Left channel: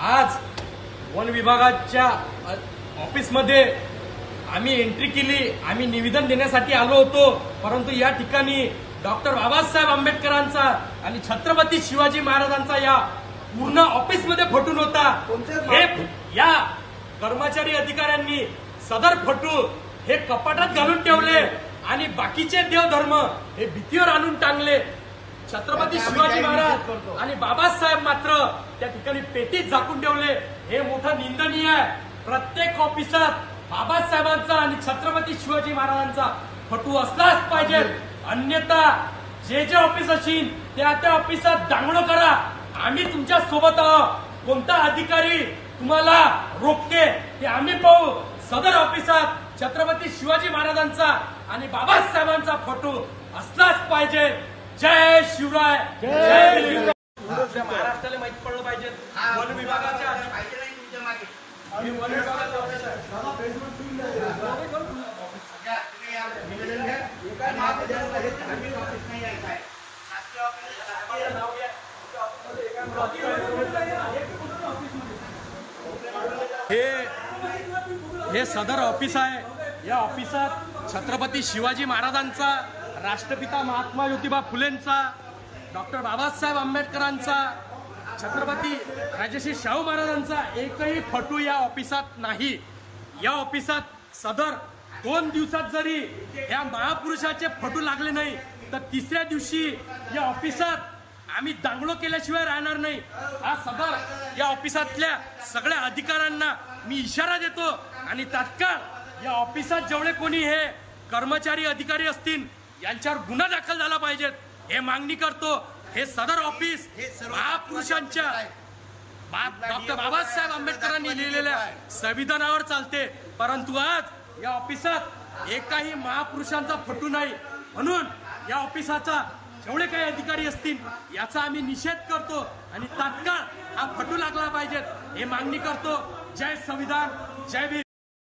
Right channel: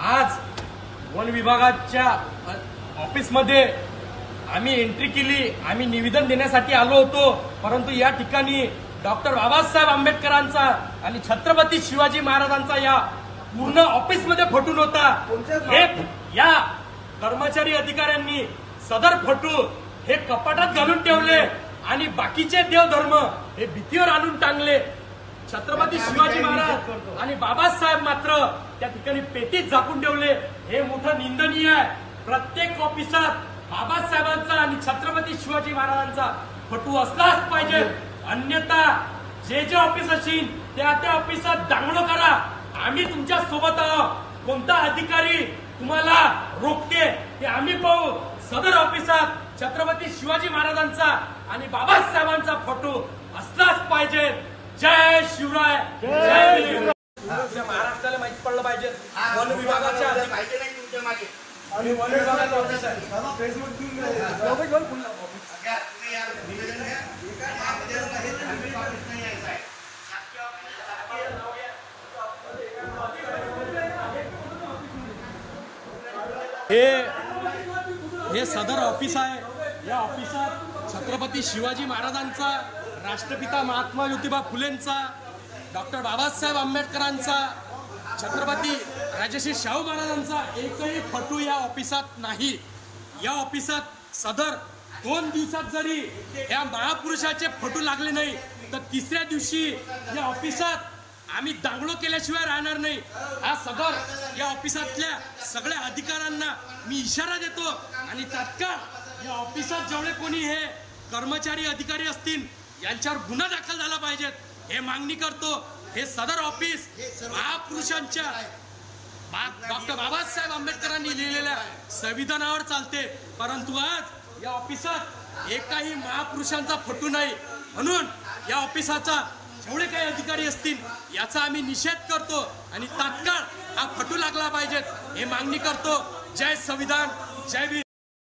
आज वन विभागाच्या ऑफिसमध्ये आम्ही एंट्री केली। आम्ही निवेदन देण्यासाठी आलो होतो, परंतु या ठिकाणी डॉक्टर बाबासाहेब आंबेडकरांचा आणि छत्रपती शिवाजी महाराजांचा या पूर्ण ऑफिसमध्ये फोटो होता। हे या कर्मचारी अधिकाऱ्यांनी सदर फोटो हे कपाटात घालून ठेवले आणि बाकीचे देवधर्म हे भीतीवर आणून टांगले। छत्रपती शिवाजी महाराज आणि बाबासाहेब मात्र त्या ठिकाणी पेटीत झाकून ठेवले। हे मोठं निंदनीय आहे। प्रत्येक ऑफिसात बाबासाहेबांचा आणि छत्रपती शिवाजी महाराजांचा फोटो असलाच पाहिजे, अन्यथा जे ऑफिस असेल त्या ऑफिसात दांगडो करा। आम्ही तुमच्या सोबत आहोत। कोणता अधिकारी तुम्हाला रोखते ते आम्ही पाहू। सदर ऑफिसात छत्रपती शिवाजी महाराजांचा आणि बाबासाहेबांचा फोटो असलाच पाहिजे। जय शिवराय, जय भीम। आपल्या महाराष्ट्राला माहिती पडलं पाहिजे वन विभागाच्या हे सदर ऑफिस आहे। या ऑफिसात छत्रपती शिवाजी महाराजांचा, राष्ट्रपिता महात्मा ज्योतिबा फुलेंचा, डॉक्टर बाबासाहेब आंबेडकरांचा, छत्रपती राजश्री शाहू महाराजांचा एकही फोटो या ऑफिसात नाही। या ऑफिसात सदर 2 दिवसात जरी या महापुरुषाचे फोटो लागले नाही तर तिसऱ्या दिवशी या ऑफिसात आम्ही दांगडो केल्याशिवाय राहणार नाही। हा सदर या ऑफिसातल्या सगळ्या अधिकाऱ्यांना मी इशारा देतो आणि तात्काळ या ऑफिसात जेवढे कोणी हे कर्मचारी अधिकारी असतील यांच्यावर गुन्हा दाखल झाला पाहिजेत हे मागणी करतो। हे सदर ऑफिस महापुरुषांच्या डॉक्टर बाबासाहेब आंबेडकरांनी लिहिलेल्या संविधानावर चालते, परंतु आज या ऑफिसात एकही महापुरुषांचा फोटो नाही। म्हणून या ऑफिसाचा जेवढे काही अधिकारी असतील याचा आम्ही निषेध करतो आणि तात्काळ हा फोटो लागला पाहिजेत हे मागणी करतो। जय संविधान, जय भीम।